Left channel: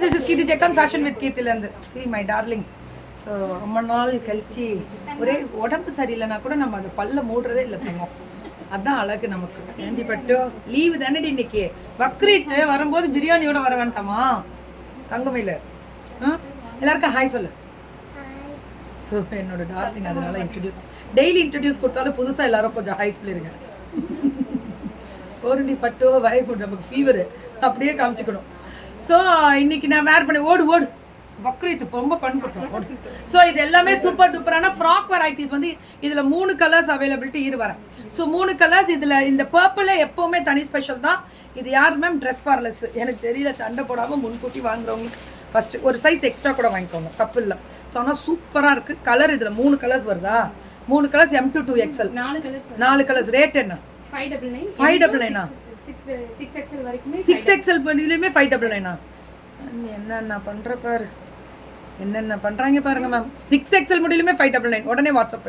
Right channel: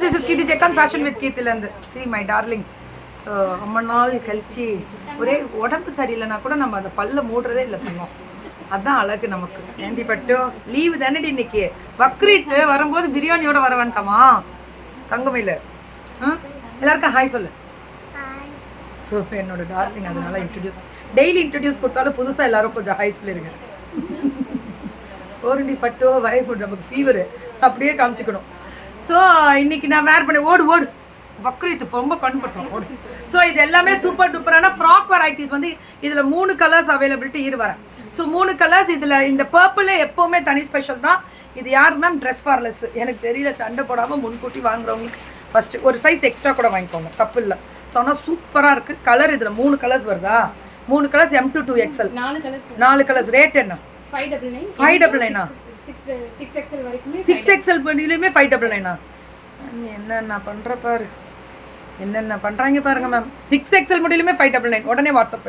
This is Kirti Jekkan Fashion with Kirti Land. See my darling. So ரொம்ப நாள் கழிச்சு ஒரே உடம்பு சரியில்லைனா கூட நம்ம அதை பல்ல மூடுறதே இல்லை தங்கம். அதுதான் அழகு நமக்கு. ஏண்டி பட்டோ லீவு தானடி இன்னைக்கு. பக்ரீத் வரும்போது பிரியாணியோட வர வேண்டாமா தங்கமையில்? எல்லாருக்கும் ஹாய் சொல்லு. ஸோ என்னோட டார்லிங் அதனால டெய்லி இன்ட்ரடியூஸ் கொடுத்தாலும் புதுசாக எல்லாரும் கொஞ்சம் ஹாய் சொல்லிடுங்க. ஓரண்டி பட்டோ வயப்போ நமக்கு ஃபீவரு அப்படியே காமிச்சிக்கணும். ஸோ இன்னைக்கு நான் வேர் பண்ணி ஓடு பக்ரீத் ரொம்ப கண்பட்டோம் ஓடு. ஸோ இது எல்லாமே சூப்பர் டூப்பரான ஃப்ராக் வெரைட்டிஸ் வந்து இதில் 3 கலர்ஸ் அவைலபிலிட்டி வரேன். ஸோ 3 கலர்ஸ் இதில் இந்த பர்பிள் எப்போவுமே தனி ஸ்பெஷல் தான். இது யார் மேம் ட்ரெஸ் ஃபார்லெஸ் எனக்கு தெரியல, சண்டை போடாமல் முன்கூட்டி வாங்குறவங்களுக்கு ஃபஸ்ட்டு ஒரு சைஸ் எக்ஸ்ட்ரா கூட வாங்கிக்கோங்க, தப்பு இல்லை. ஸோ ஆனால் சூப்பராக இருக்குது. கலர் இதில் 3 கலர்ஸ் வருதா? 3 colours M to 2XL 4 colours. Rate என்ன? 599. 6XL பண்ணிலையுமே 599. என்னென்ன பண்ணுற பாரு, என்னென்ன பண்ணுறாங்க பாருங்க மேம். 6XL முடியலுமே 599. உடனே வாட்ஸ்அப்